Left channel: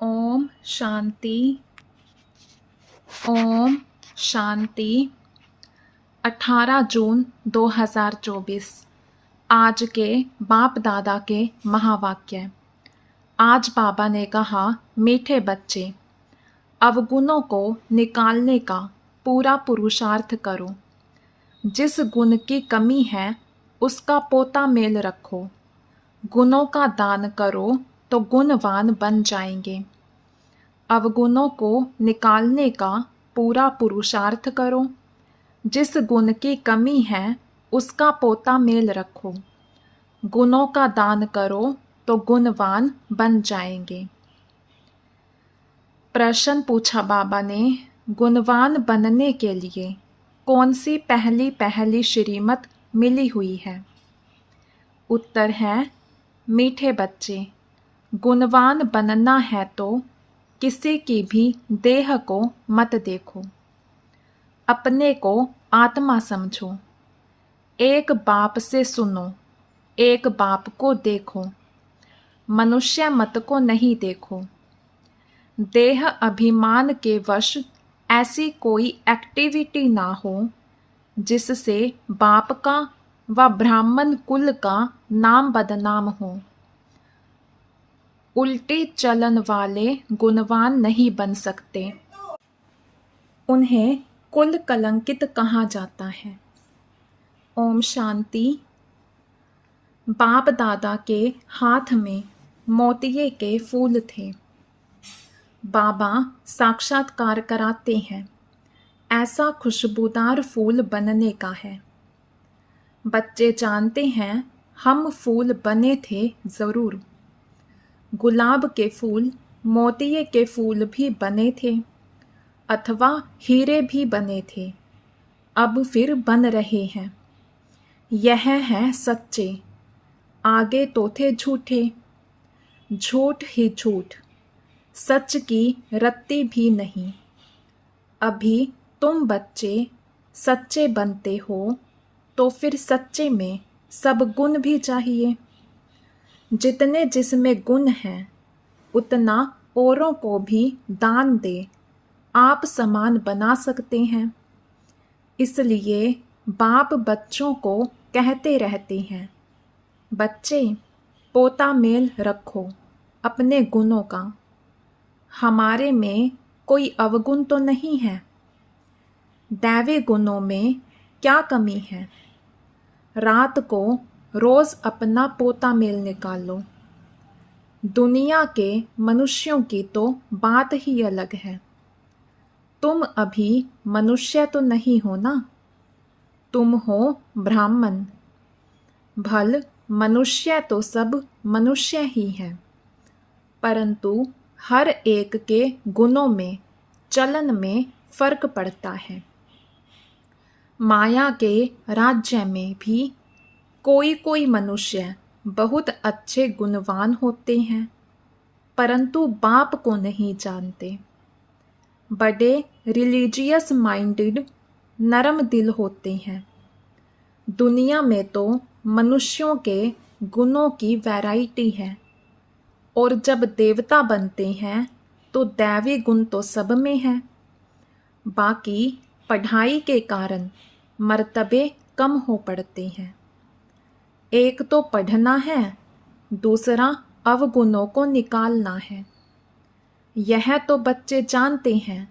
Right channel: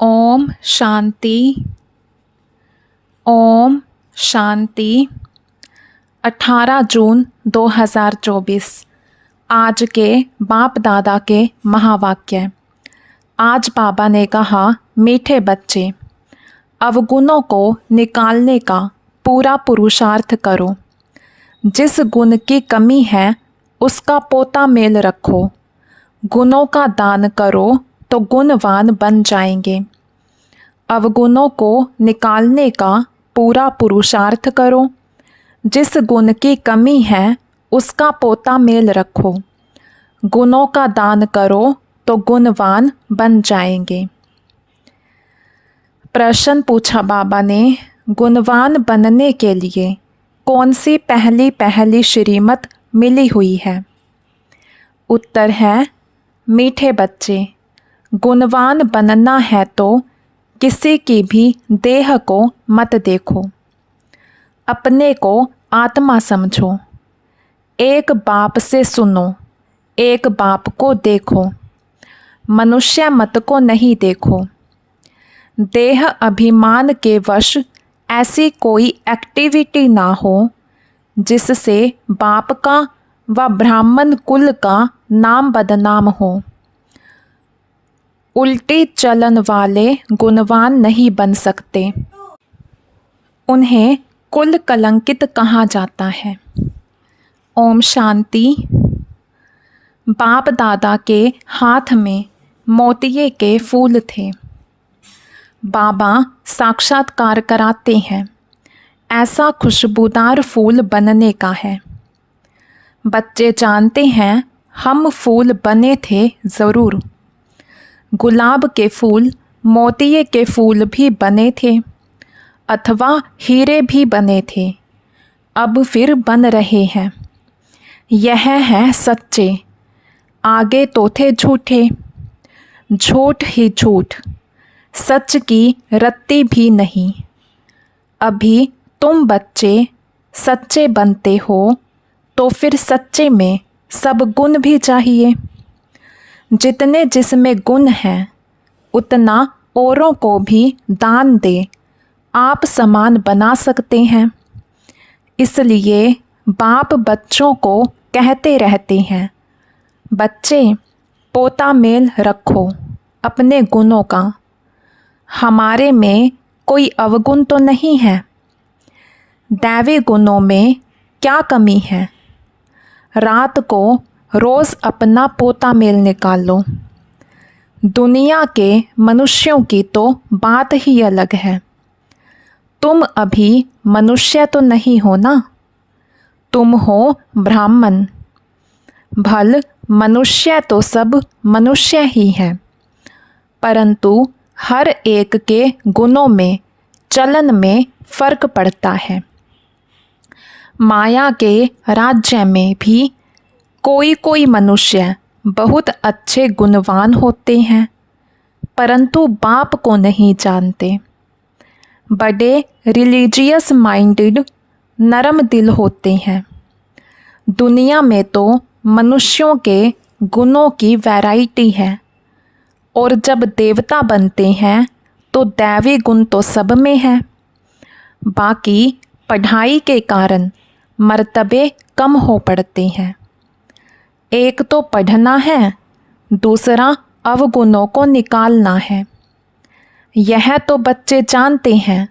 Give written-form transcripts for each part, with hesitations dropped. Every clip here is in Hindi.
ओम शांति। ओम शांति। 18 जून 2024 आज के बाप दादा के महावाक्य। आज बाबा ने कहा, मीठे बच्चे, अवगुणों को निकालने का पूरा पुरुषार्थ करो। जिस गुण की कमी है उसका पोता मेल रखो। गुणों का दान करो तो गुणवान बन जाएंगे। अवगुणों को निकालने का पूरा पुरुषार्थ करो। जिस गुण की कमी है उसका पोता मेल रखो। गुणों का दान करो तो गुणवान बन जाएंगे। प्रश्न पूछा बाबा ने, गुणवान बनने के लिए कौन सी पहली श्रीमत मिली हुई है? उत्तर है, मीठे बच्चे, गुणवान बनना है तो किसी की भी देह को मत देखो, अपने को आत्मा समझो। एक बाप से सुनो, एक बाप को देखो, मनुष्य मत को नहीं देखो। देह अभिमान के वश ऐसी कोई एक्टिविटी ना हो जिससे बाप का व ब्राह्मण कुल का नाम बदनाम हो। उल्टी चलन वाले गुणवान नहीं बन सकते, उन्हें कुल कलंकित कहा जाता है। ओम शांति। बाप दादा के हाथ में मोतिये के फूल थे। बाबा साक्षात्कार कराते हैं, ऐसा खुशबूदार फूल बनने का है। बच्चे जानते हैं हम फूल बने थे ज़रूर। गुलाब के फूल मोतिये के फूल भी बने थे अथवा हीरे भी बने थे, अब फिर बन रहे हैं। यह है सच्चे, आगे तो थे झूठे। झूठ ही झूठ, सच की रत्ती भी नहीं। अभी तुम बच्चे सच्चे बनते हो तो फिर सच्चे में सब गुण भी चाहिए। जितने जिसमें गुण हैं उतना औरों को भी दान दे आप समान बना सकते हैं। इसलिए बाप बच्चों को कहते रहते हैं, बच्चे पोता मेल रखो अपने गुणों का। हमारे में कोई अवगुण तो नहीं है। दैवी गुणों में क्या कमी है? रात को रोज़ अपना पोता मेल निकालो। दुनिया के मनुष्यों की तो बात ही अलग है। तुम अभी मनुष्य तो नहीं हो ना, तुम हो ब्राह्मण। भल मनुष्य तो सब मनुष्य ही है, परंतु हर एक के गुणों में चलन में फर्क पड़ता है। माया के राज्य में भी कोई कोई मनुष्य बहुत अच्छे गुणवान होते हैं, परंतु बाप को नहीं जानते। बड़े रिलीजियस माइंडेड नरम दिल होते हैं। दुनिया में तो मनुष्यों के गुणों की वैरायटी है, और जब देवता बनते हैं तो दैवी गुण तो सब में है। बाकी पढ़ाई के कारण मर्तबे कम हो पड़ते हैं। एक तो पढ़ना है, दूसरा अवगुणों को निकालना है। यह तो बच्चे जानते हैं।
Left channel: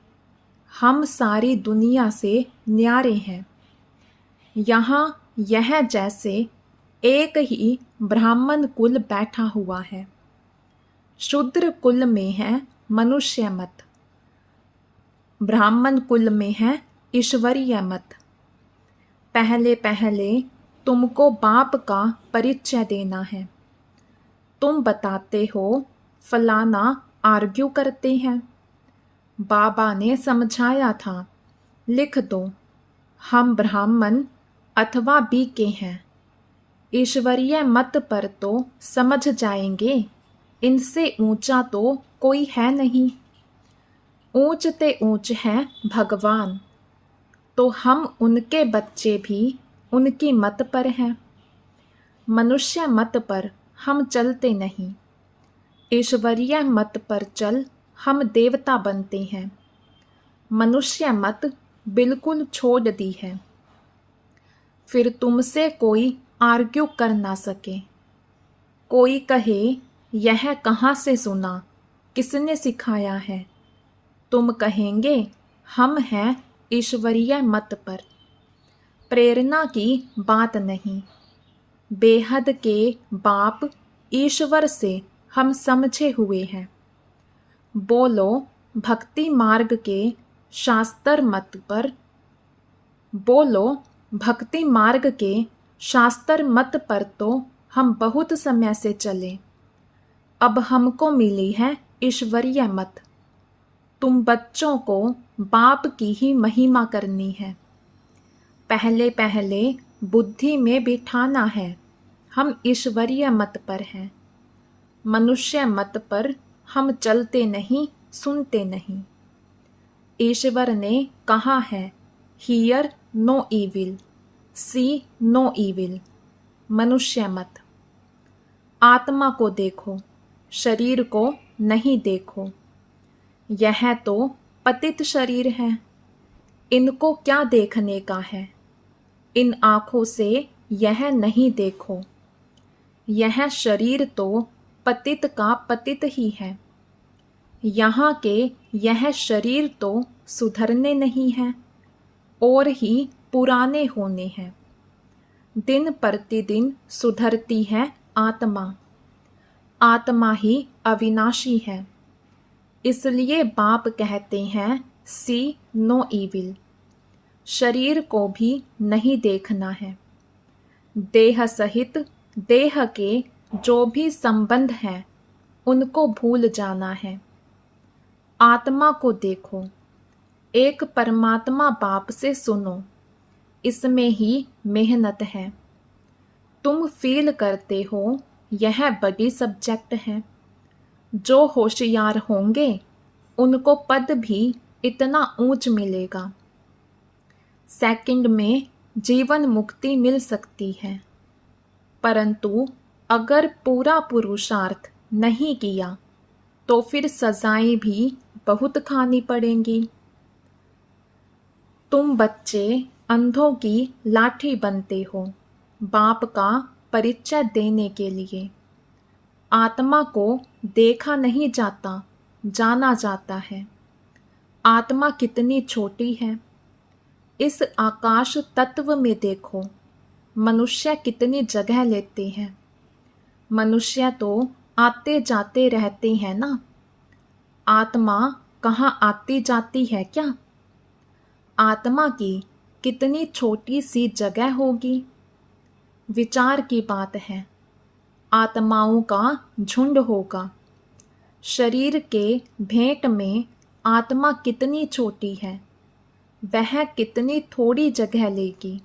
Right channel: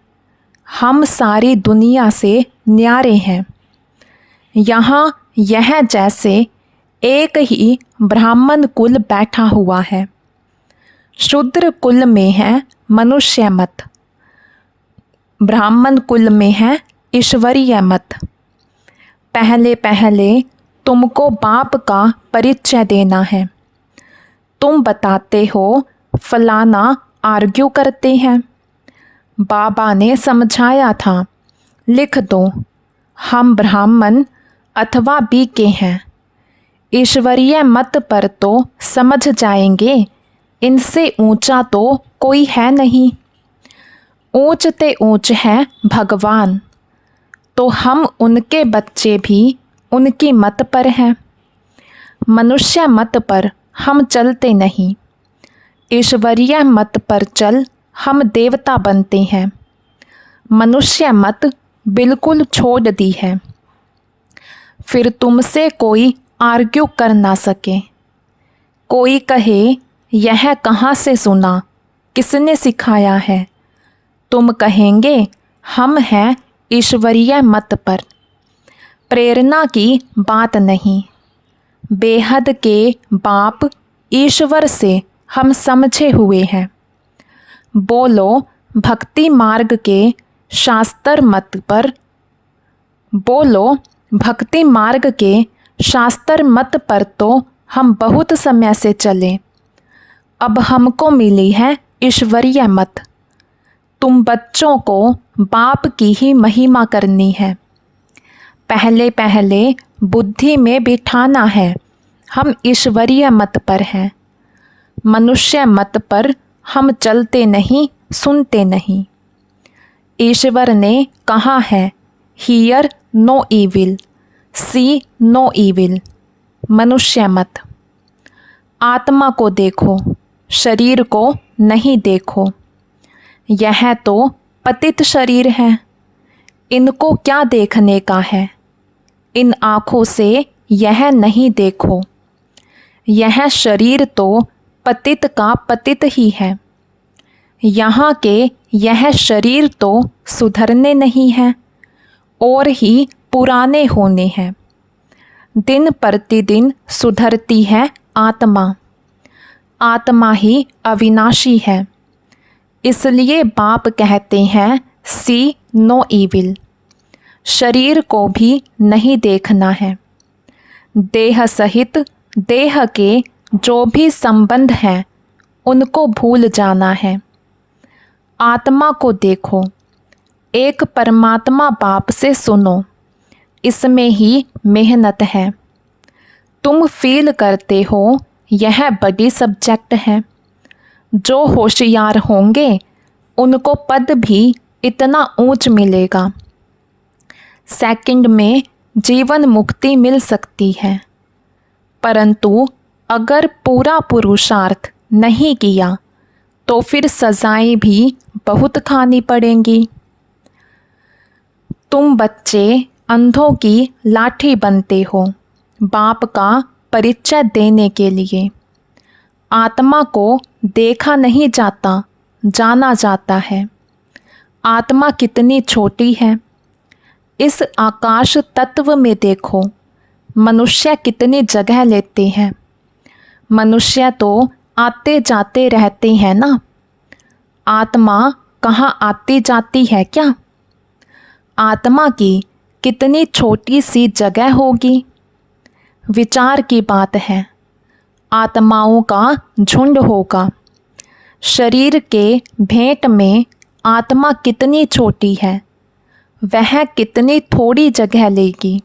हम सारी दुनिया से न्यारे हैं। यहाँ यह जैसे एक ही ब्राह्मण कुल बैठा हुआ है। शूद्र कुल में है मनुष्य मत, ब्राह्मण कुल में है ईश्वरीय मत। पहले पहले तुमको बाप का परिचय देना है। तुम बताते हो फलाना आर्ग्यू करते हैं। बाबा ने समझाया था, लिख दो हम ब्राह्मण अथवा बीके हैं। ईश्वरीय मत पर तो समझ जाएंगे, इनसे ऊंचा तो कोई है नहीं। ऊंच ते ऊंच है भगवान, तो हम उनके बच्चे भी उनकी मत पर हैं। मनुष्य मत पर हम चलते नहीं, ईश्वरीय मत पर चल हम देवता बनते हैं। मनुष्य मत बिल्कुल छोड़ दी है। फिर तुमसे कोई आर्ग्यू कर ना सके। कोई कहे यह कहाँ से सुना, किसने सिखाया है। तुम कहेंगे हम हैं ईश्वरीय मत पर। प्रेरणा की बात नहीं, बेहद के बाप ईश्वर से हम समझे हुए हैं। बोलो भक्ति मार्ग के शास्त्र मत पर। बोलो भक्ति मार्ग के शास्त्र मत पर तो हम बहुत समय से चले। अब हमको मिली है ईश्वरीय मत। तुम बच्चों को बाप की ही महिमा करनी है। पहले पहले बुद्धि में बिठाना है हम ईश्वरीय मत पर हैं। मनुष्य मत पर हम चलते नहीं, सुनते नहीं। ईश्वर ने कहा है hear no evil, see no evil. मनुष्य मत। आत्मा को देखो, शरीर को नहीं देखो। यह तो पतित शरीर है, इनको क्या देखने का है। इन आँखों से यह नहीं देखो। यह शरीर तो पतित का पतित ही है। यहाँ के यह शरीर तो सुधरने नहीं है और ही पुराने होने हैं। दिन प्रतिदिन सुधरती है आत्मा। आत्मा ही अविनाशी है। इसलिए बाप कहते हैं सी नो ईविल। शरीर को भी नहीं देखना है। देह सहित देह के जो भी संबंध हैं उनको भूल जाना है। आत्मा को देखो। एक परमात्मा बाप से सुनो। इसमें ही मेहनत है। तुम फील करते हो यह बड़ी सब्जेक्ट है। जो होशियार होंगे उनको पद भी इतना ऊंच मिलेगा। सेकंड में जीवन मुक्ति मिल सकती है। परंतु अगर पूरा पुरुषार्थ नहीं किया तो फिर सजाएं भी बहुत खानी पड़ेंगी। तुम बच्चे अंधों की लाठी बनते हो बाप का परिचय देने के लिए। आत्मा को देखा नहीं जाता, जाना जाता है। आत्मा कितनी छोटी है। इस आकाश तत्व में देखो, मनुष्य कितनी जगह लेते हैं। मनुष्य तो आते जाते रहते हैं ना। आत्मा कहाँ आती जाती है क्या। आत्मा की कितनी छोटी सी जगह होगी। विचार की बात है। आत्माओं का झुंड होगा। शरीर के भेंट में आत्मा कितनी छोटी है, वह कितनी थोड़ी जगह लेगी।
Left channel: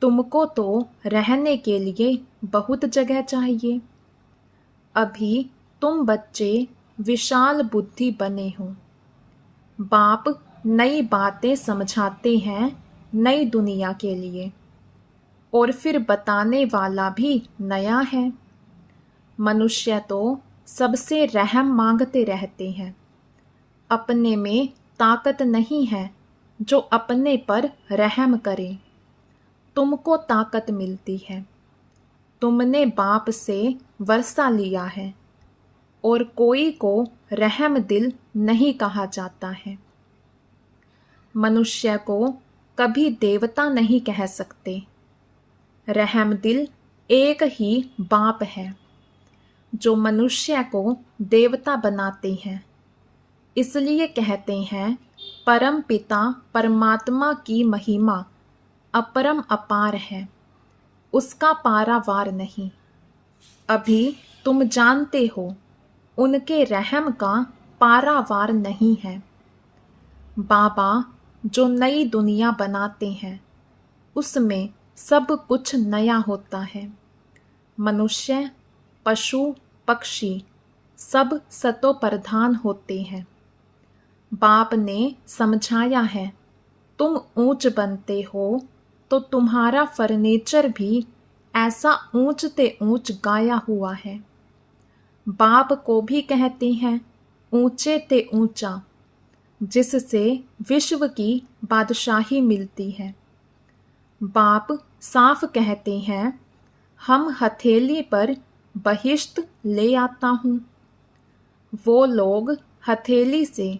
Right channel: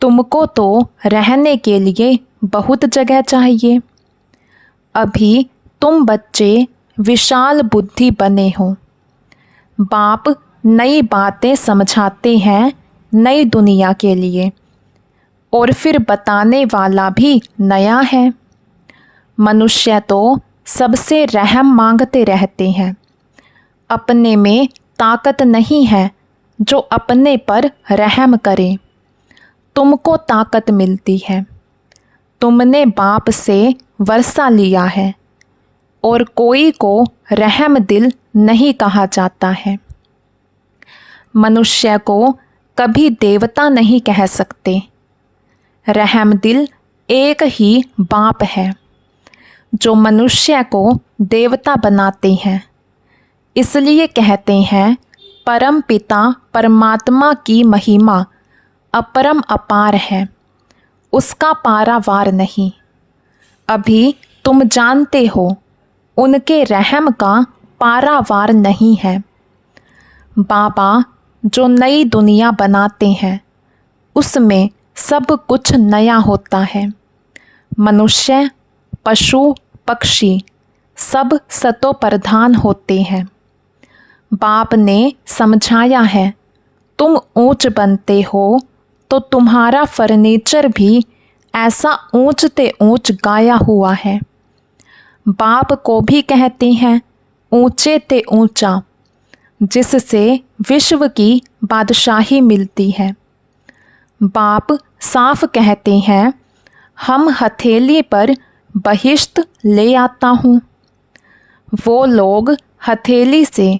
तुमको तो रहने के लिए बहुत जगह चाहिए। अभी तुम बच्चे विशाल बुद्धि बने हो। बाप नई बातें समझाते हैं नई दुनिया के लिए, और फिर बताने वाला भी नया है। मनुष्य तो सबसे रहम मांगते रहते हैं। अपने में ताकत नहीं है जो अपने पर रहम करे। तुमको ताकत मिलती है। तुमने बाप से वर्षा लिया है, और कोई को रहम दिल नहीं कहा जाता है। मनुष्य को कभी देवता नहीं कह सकते। रहम दिल एक ही बाप है जो मनुष्य को देवता बनाते हैं। इसलिए कहते हैं परम पिता परमात्मा की महिमा अपरम अपार है, उसका पारावार नहीं। अभी तुम जानते हो उनके रहम का पारावार नहीं है। बाबा जो नई दुनिया बनाते हैं उसमें सब कुछ नया होता है। मनुष्य, पशु, पक्षी सब सतो प्रधान होते हैं। बाप ने समझाया है तुम ऊंच बनते हो तो तुम्हारा फर्नीचर भी ऐसा ऊंचते ऊंच गाया हुआ है। बाप को भी कहते हैं ऊंचे ते ऊंचा, जिससे विश्व की बादशाही मिलती है। बाप साफ कहते हैं, हम हथेली पर बहिश्त ले आता हूँ। वो लोग हथेली से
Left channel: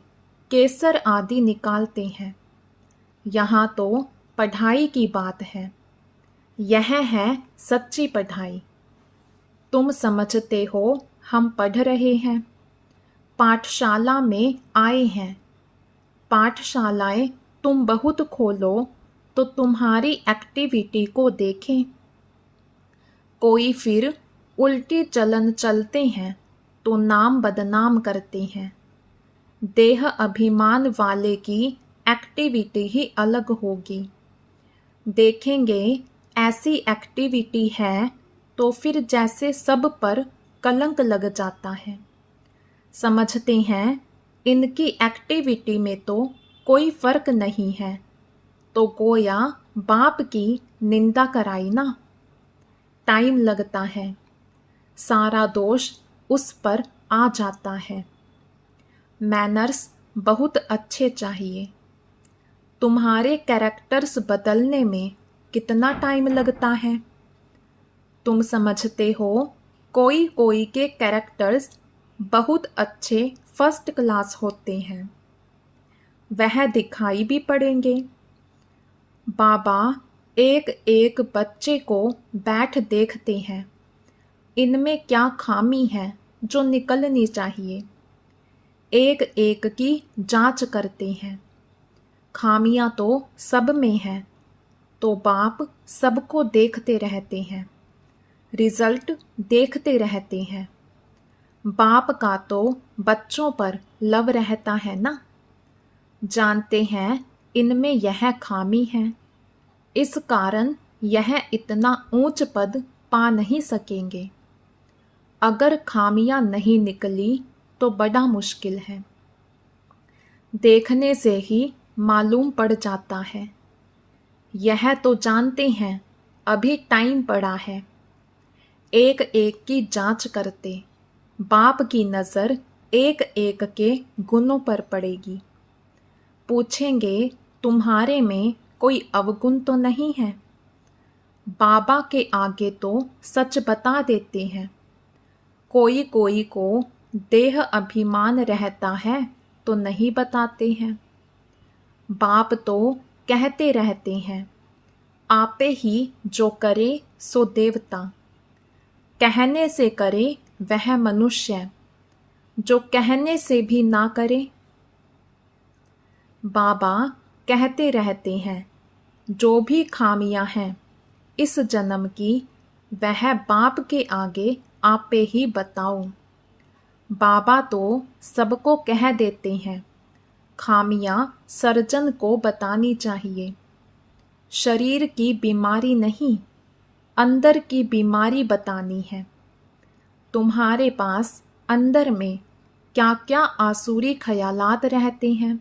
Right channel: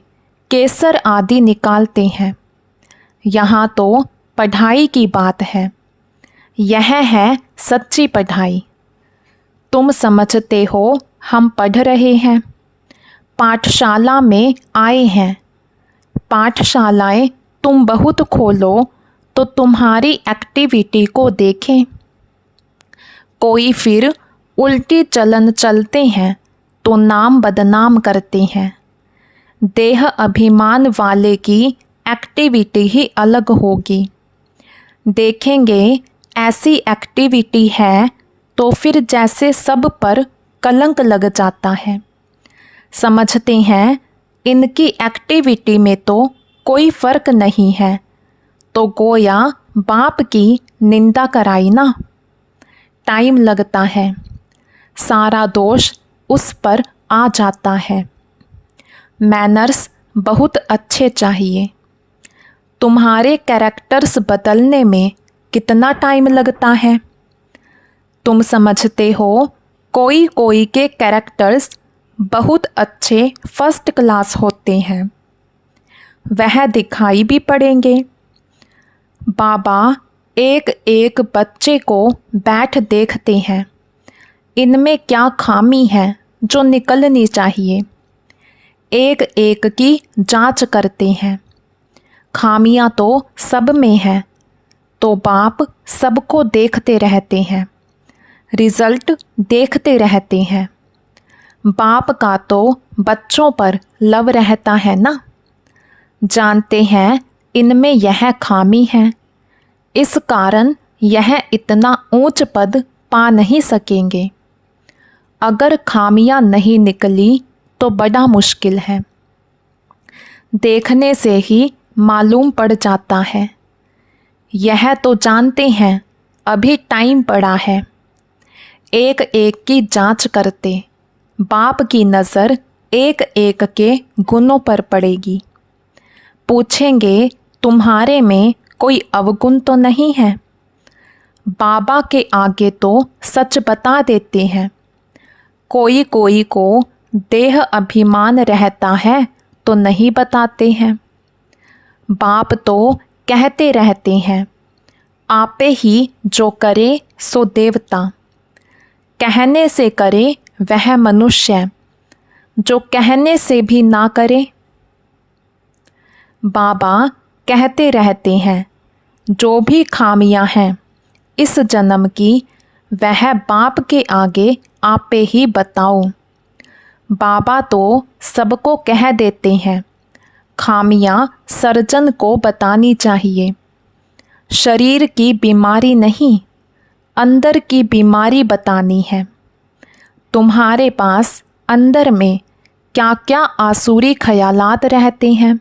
केसर आदि निकालते हैं। यहाँ तो पढ़ाई की बात है। यह है सच्ची पढ़ाई। तुम समझते हो हम पढ़ रहे हैं, पाठशाला में आए हैं। पाठशालाएं तुम बहुत खोलो तो तुम्हारी एक्टिविटी को देखें। कोई फिर उल्टी चलन चलते हैं तो नाम बदनाम करते हैं। देह अभिमान वाले की एक्टिविटी ही अलग होगी। देखेंगे ऐसी एक्टिविटी है तो फिर जैसे सब पर कलंक लग जाता है। समझते हैं इनकी एक्टिविटी में तो कोई फ़र्क नहीं है, तो गोया बाप की निंदा कराई ना। टाइम लगता है, सारा दोष उस पर आ जाता है। मैनर्स बहुत अच्छे चाहिए। तुम्हारे कैरेक्टर्स बदलने में कितना टाइम लगता है? तुम समझते हो कोई कोई के कैरेक्टर्स बहुत अच्छे फर्स्ट क्लास होते हैं, वह दिखाई भी पड़ेंगे। बाबा एक एक बच्चे को बैठ देखते हैं, इनमें क्या खामी है जो निकलनी चाहिए। एक एक की जांच करते हैं। खामियां तो सब में हैं, तो बाप सबको देखते रहते हैं, रिज़ल्ट देखते रहते हैं। बाप का तो बच्चों पर लव रहता है ना। जानते हैं इनमें यह खामी है, इस कारण यह इतना ऊंच पद पा नहीं सकेंगे। अगर खामियां नहीं निकली तो बड़ा मुश्किल है। देखने से ही मालूम पड़ जाता है। यह तो जानते हैं अभी टाइम पड़ा है। एक एक की जांच करते बाप की नज़र एक एक के गुणों पर पड़ेगी। पूछेंगे तुम्हारे में कोई अवगुण तो नहीं है? बाबा के आगे तो सच बता देते हैं। कोई कोई को देह अभिमान रहता है तो नहीं बताते हैं। बाप तो कहते रहते हैं, आपे ही जो करे सो देवता। कहने से करे वह मनुष्य, जो कहने से भी ना करे। बाबा कहते रहते हैं, जो भी खामियां हैं इस जन्म की, वह बाप के आगे आपे ही बताओ। बाबा तो सबको कह देते हैं, खामियां सर्जन को बतानी चाहिए। शरीर की बीमारी नहीं, अंदर की बीमारी बतानी है। तुम्हारे पास अंदर में क्या क्या आसुरी ख्यालात रहते हैं,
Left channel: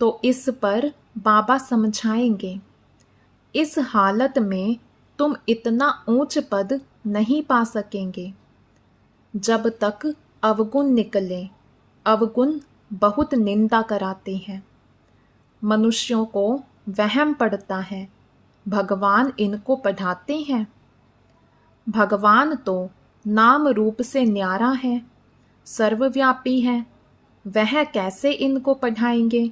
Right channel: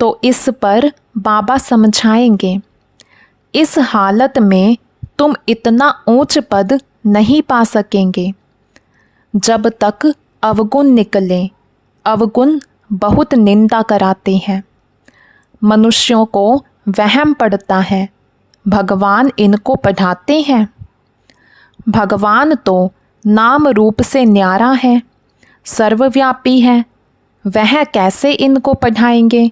तो इस पर बाबा समझाएंगे। इस हालत में तुम इतना ऊंच पद नहीं पा सकेंगे जब तक अवगुण निकले। अवगुण बहुत निंदा कराते हैं। मनुष्यों को वहम पड़ता है भगवान इनको पढ़ाते हैं। भगवान तो नाम रूप से न्यारा है, सर्वव्यापी है। वह कैसे इनको पढ़ाएंगे?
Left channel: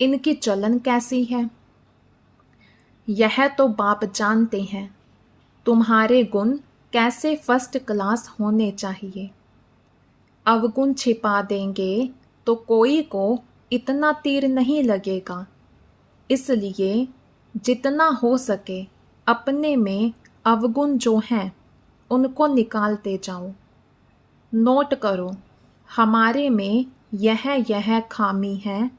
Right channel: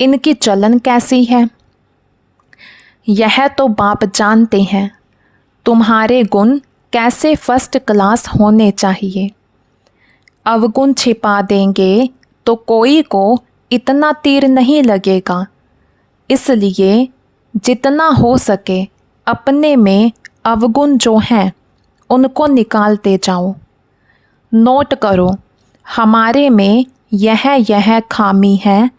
इनकी चलन कैसी है? यह तो बाप जानते हैं तुम्हारे गुण कैसे फर्स्ट क्लास होने चाहिए। अवगुण छिपा देंगे तो कोई को इतना तीर नहीं लगेगा। इसलिए जितना हो सके अपने में अवगुण जो हैं उनको निकालते जाओ। नोट करो, हमारे में यह खामी है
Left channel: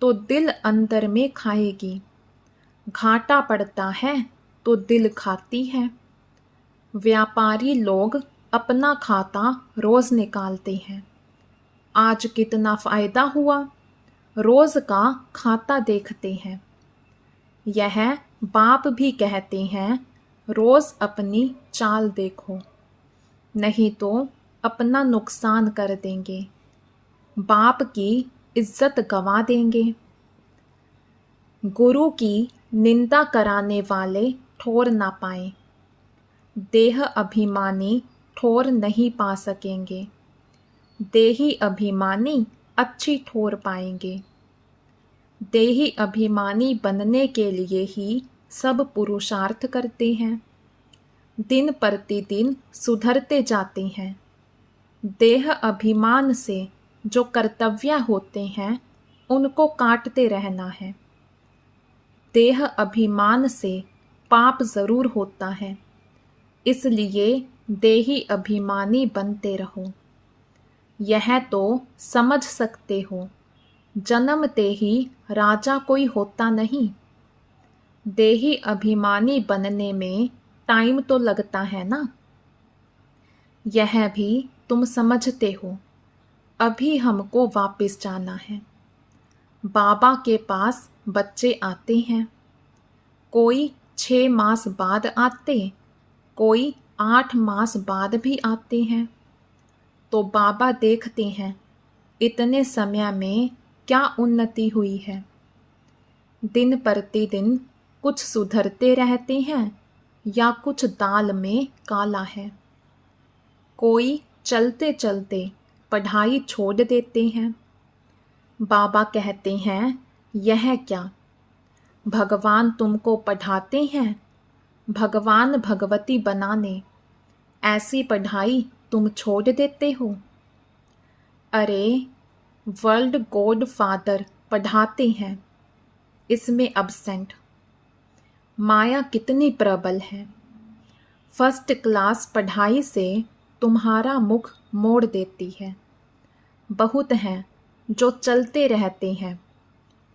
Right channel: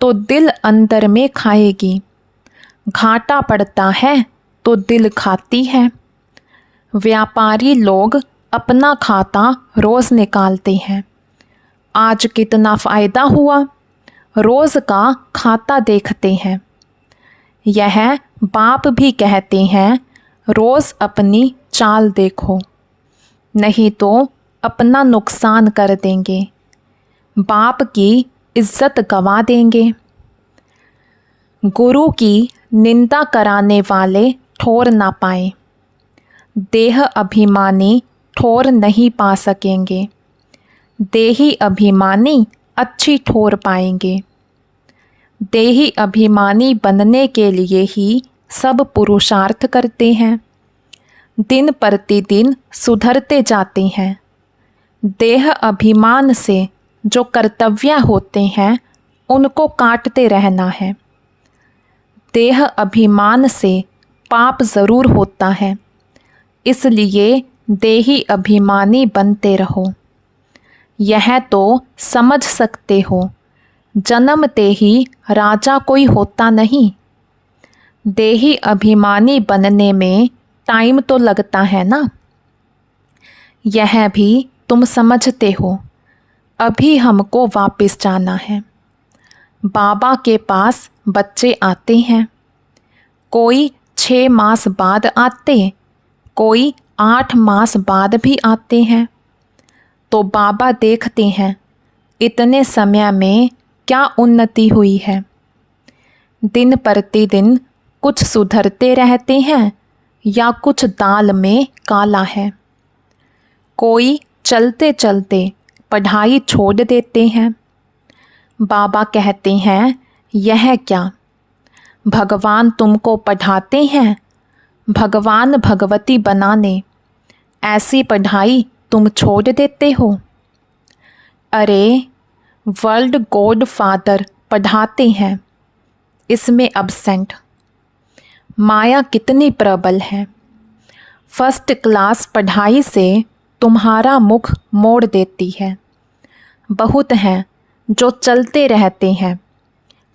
तो दिल अंदर में खाएगी। घाटा पड़ता है तो दिल खाती है। व्यापारी लोग अपना खाता रोज़ निकालते हैं। आज कितना फ़ायदा हुआ, रोज़ का खाता देखते हैं। यह बाप भी कहते हैं, रोज़ अपनी चाल देखो, नहीं तो अपना नुकसान कर देंगे। बाप की इज्जत गंवा देंगे। गुरु की निंदा कराने वाले ठोर ना पाएं। देह अभिमानी ठोर नहीं पा सकेंगे। देही अभिमानी अच्छी ठोर पाएंगे। देही अभिमानी बनने के लिए ही सब पुरुषार्थ करते हैं। दिन प्रतिदिन सुधरते जाते हैं। देह अभिमान से जो कर्तव्य होते हैं उनको काटते रहना है। देह अभिमान से पाप ज़रूर होता है, इसलिए देही अभिमानी बनते रहो। यह तो समझ सकते हो, जन्मते ही राजा कोई होता नहीं। देही अभिमानी बनने में टाइम तो लगता है ना। यह भी तुम समझते हो। अभी हमको वापस जाना है। बाबा के पास बच्चे आते हैं। कोई 6 मास बाद आते, कोई 8 मास बाद भी आते हैं। तो बाबा देखते हैं इतने समय में क्या उन्नति हुई है। दिन प्रतिदिन कुछ सुधरते रहते हैं या कुछ दाल में काला है। कोई चलते चलते पढ़ाई छोड़ देते हैं। बाबा कहते हैं, यह क्या, भगवान तुमको पढ़ाते हैं भगवान भगवती बनाने, ऐसी पढ़ाई तुम छोड़ देते हो। अरे वर्ल्ड गॉड फादर पढ़ाते हैं, इसमें अब्सेंट। माया कितनी प्रबल है। फर्स्ट क्लास पढ़ाई से तुम्हारा मुख मोड़ देती है। बहुत हैं जो चलते रहते हैं,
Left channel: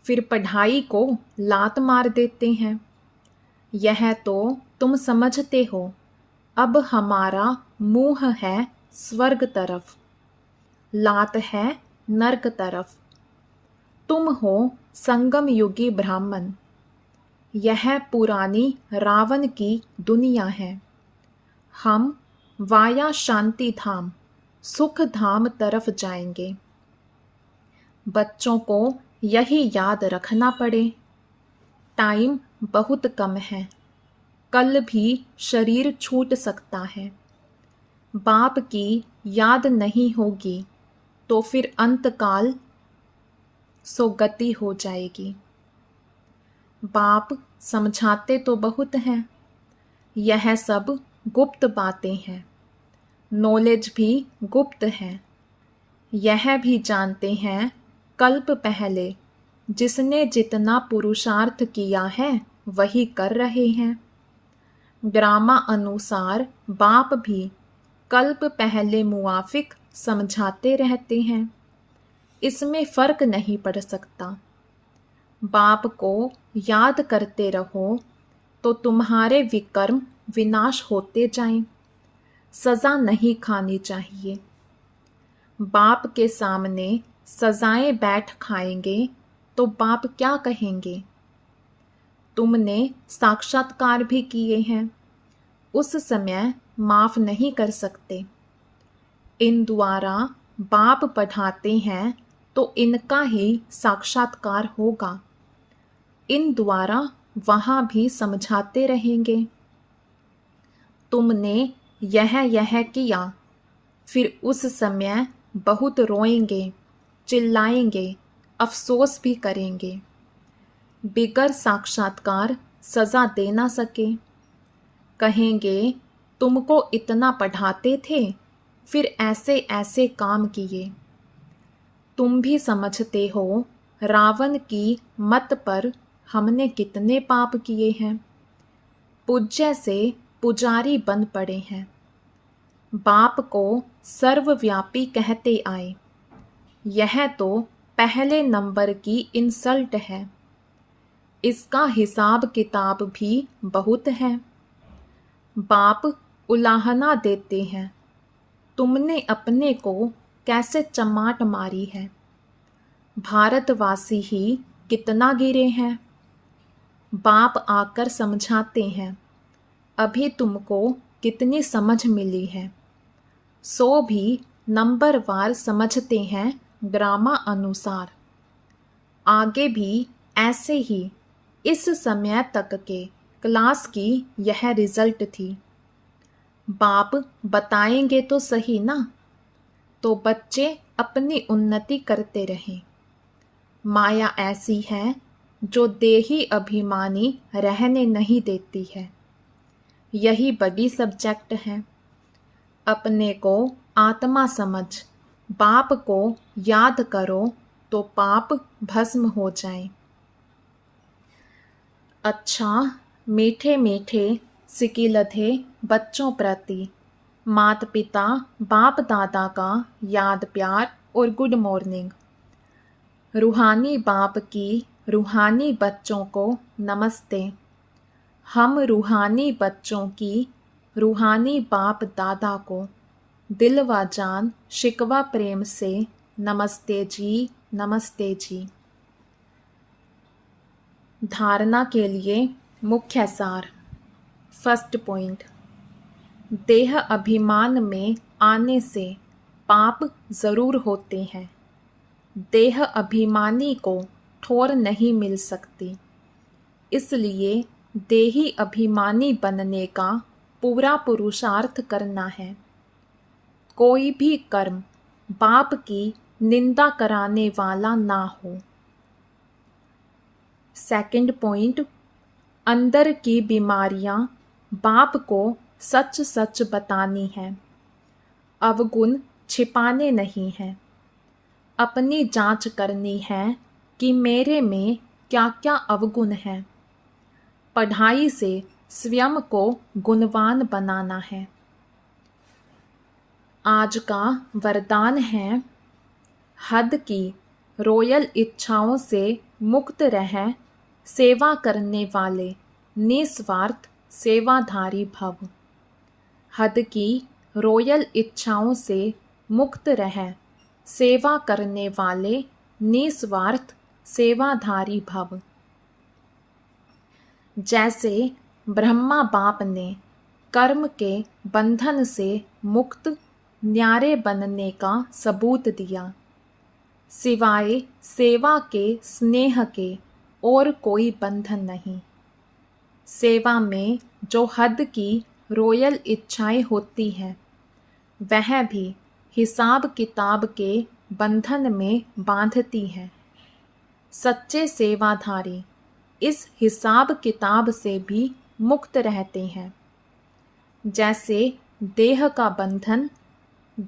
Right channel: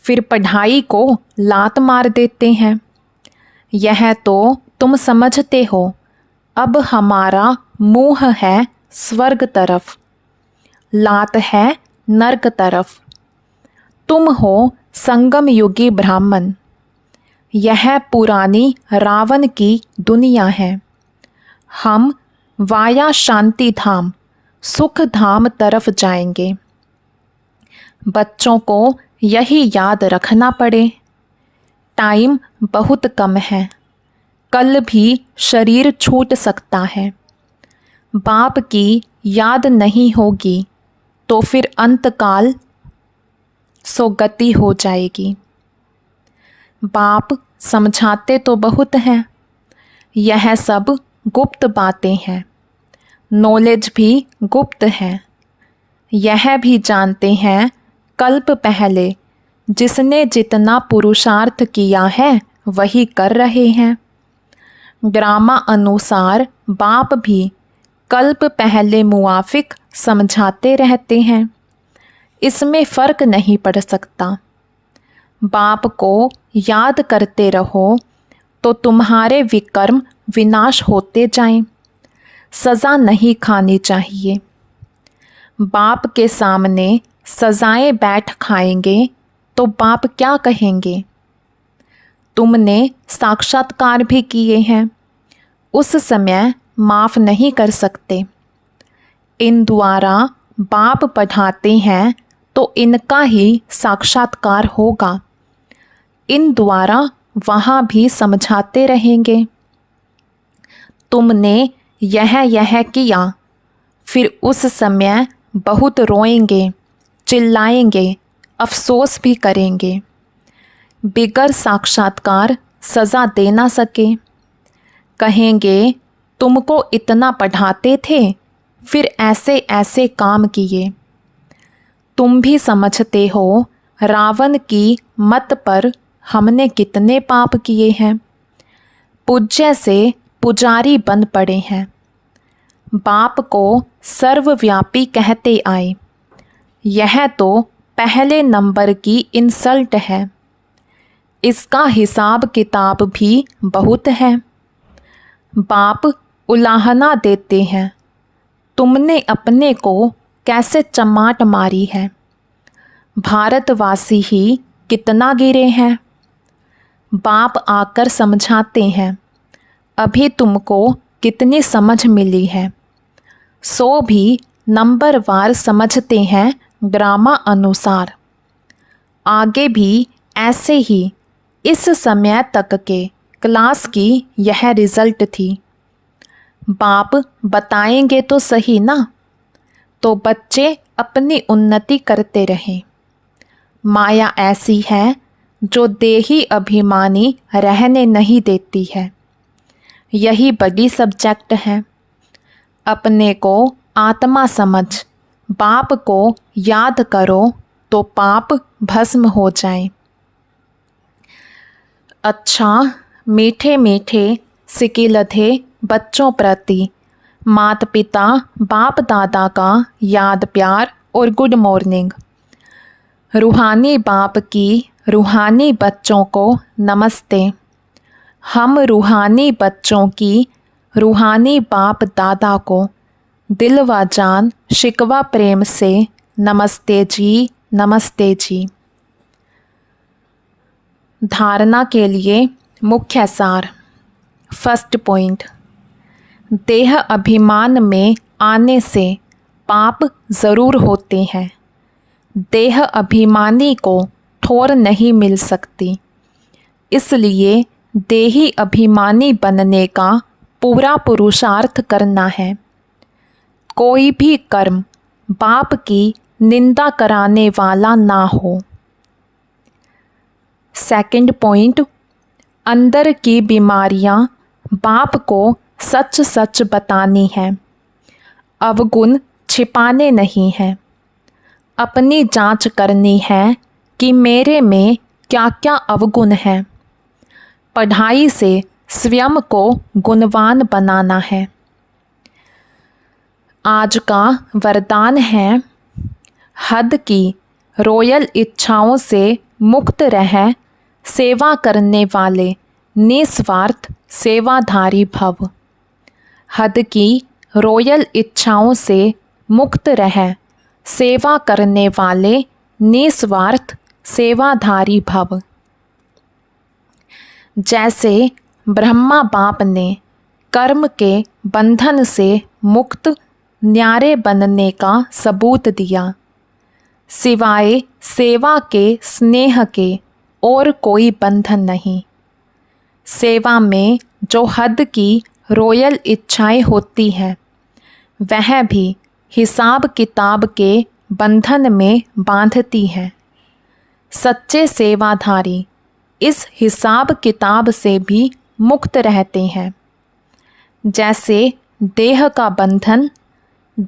फिर पढ़ाई को लात मार देते हैं। यह तो तुम समझते हो। अब हमारा मुँह है स्वर्ग तरफ, लात है नर्क तरफ। तुम हो संगम युगी ब्राह्मण। यह पुरानी रावण की दुनिया है। हम वाया शांति धाम सुख धाम तरफ जाएंगे। बच्चों को यही याद रखना पड़े। टाइम बहुत कम है, कल भी शरीर छूट सकता है। बाप की याद नहीं होगी तो फिर अंतकाल सोगति हो जाएगी। बाप समझाते तो बहुत हैं, यह सब गुप्त बातें हैं। नॉलेज भी गुप्त है। यह भी जानते हैं कल्प पहले जिसने जितना पुरुषार्थ किया है वही कर रहे हैं। ड्रामा अनुसार बाप भी कल्प पहले मुआफिक समझाते रहते हैं। इसमें फ़र्क नहीं पड़ सकता। बाप को याद करते रहो तो तुम्हारे विकर्म विनाश होते जाएं। सज़ा नहीं खानी चाहिए। बाप के सामने सज़ाएं बैठ खाएंगे तो बाप क्या कहेंगे। तुमने साक्षात्कार भी किए हैं, उस समय माफ़ नहीं कर सकते। इन द्वारा बाप पढ़ाते हैं तो इनका ही साक्षात्कार होगा। इन द्वारा वहाँ भी समझाते रहेंगे। तुमने यह किया, फिर उस समय बहुत रोएंगे, चिल्लाएंगे, अफसोस भी करेंगे। बिगर साक्षात्कार सज़ा दे ना सके। कहेंगे तुमको इतना पढ़ाते थे, फिर ऐसे ऐसे काम किए। तुम भी समझते हो रावण की मत पर हमने कितने पाप किए हैं। पूज्य से पुजारी बन पड़े हैं। बाप को सर्वव्यापी कहते आए। यह तो पहले नंबर की इंसल्ट है। इसका हिसाब किताब भी बहुत है। बाप उलाहना देते हैं, तुमने अपने को कैसे चमाट मारी है। भारतवासी ही कितना गिरे हैं। बाप आकर समझाते हैं, अभी तुमको कितनी समझ मिली है। 100 भी नंबरवार समझते हैं ड्रामा अनुसार। आगे भी ऐसे ही इस समय तक के क्लास की यह रिजल्ट थी। बाप बताएंगे तो सही ना, तो बच्चे अपनी उन्नति करते रहें। माया ऐसी है जो देही अभिमानी रहने नहीं देती है। यही बड़ी सब्जेक्ट है। अपने को आत्मा समझ बाप को याद करो तो पाप भस्म हो जाए। अच्छा, मीठे मीठे सिकिलधे बच्चों प्रति माता पिता बाप दादा का याद प्यार और गुड मॉर्निंग। रूहानी बाप की रूहानी बच्चों को नमस्ते। हम रूहानी बच्चों की रूहानी बाप दादा को दिल व जान शिकवा प्रेम से नमस्ते जी, नमस्ते जी। धारणा के लिए मुख्य सार। फर्स्ट पॉइंट, देह अभिमान में आने से पाप ज़रूर होते हैं। देह अभिमानी को ठोर नहीं मिल सकती, इसलिए देही अभिमानी बनने का पूरा पुरुषार्थ करना है। कोई भी कर्म बाप की निंदा कराने वाला ना हो। सेकंड पॉइंट, अंदर की बीमारियां बाप को सच सच बतानी है, अवगुण छिपाने नहीं हैं। अपनी जांच करनी है कि मेरे में क्या क्या अवगुण है। पढ़ाई से स्वयं को गुणवान बनाना है। आज का वरदान है, हद की रॉयल इच्छाओं से मुक्त रह सेवा करने वाले निस्वार्थ सेवाधारी भव। हद की रॉयल इच्छाओं से मुक्त रह सेवा करने वाले निस्वार्थ सेवाधारी भव। जैसे ब्रह्मा बाप ने कर्म के बंधन से मुक्त न्यारे बनने का सबूत दिया, सिवाय सेवा के स्नेह के और कोई बंधन नहीं। सेवा में जो हद की रॉयल इच्छाएं होती हैं, वह भी हिसाब किताब के बंधन में बांधती हैं। सच्चे सेवाधारी इस हिसाब किताब से भी मुक्त रहते हैं। जैसे देह का बंधन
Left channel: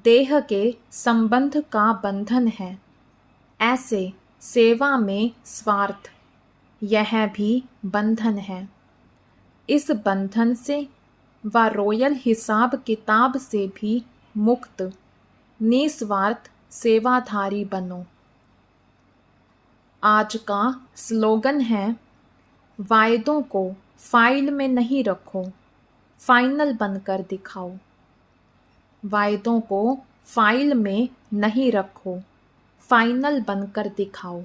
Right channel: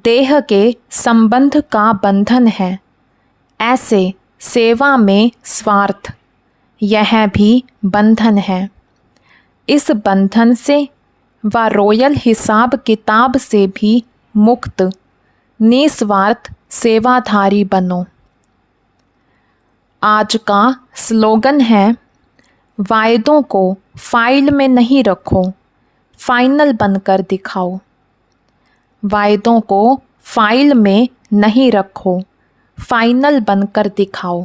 देह के संबंध का बंधन है, ऐसे सेवा में स्वार्थ यह भी बंधन है। इस बंधन से व रॉयल हिसाब किताब से भी मुक्त निस्वार्थ सेवाधारी बनो। आज का स्लोगन है, वायदों को फाइल में नहीं रखो, फाइनल बनकर दिखाओ। वायदों को फाइल में नहीं रखो, फाइनल बनकर दिखाओ।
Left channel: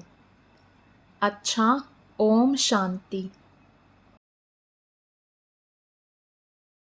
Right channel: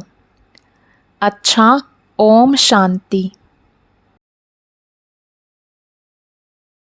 अच्छा, ओम शांति।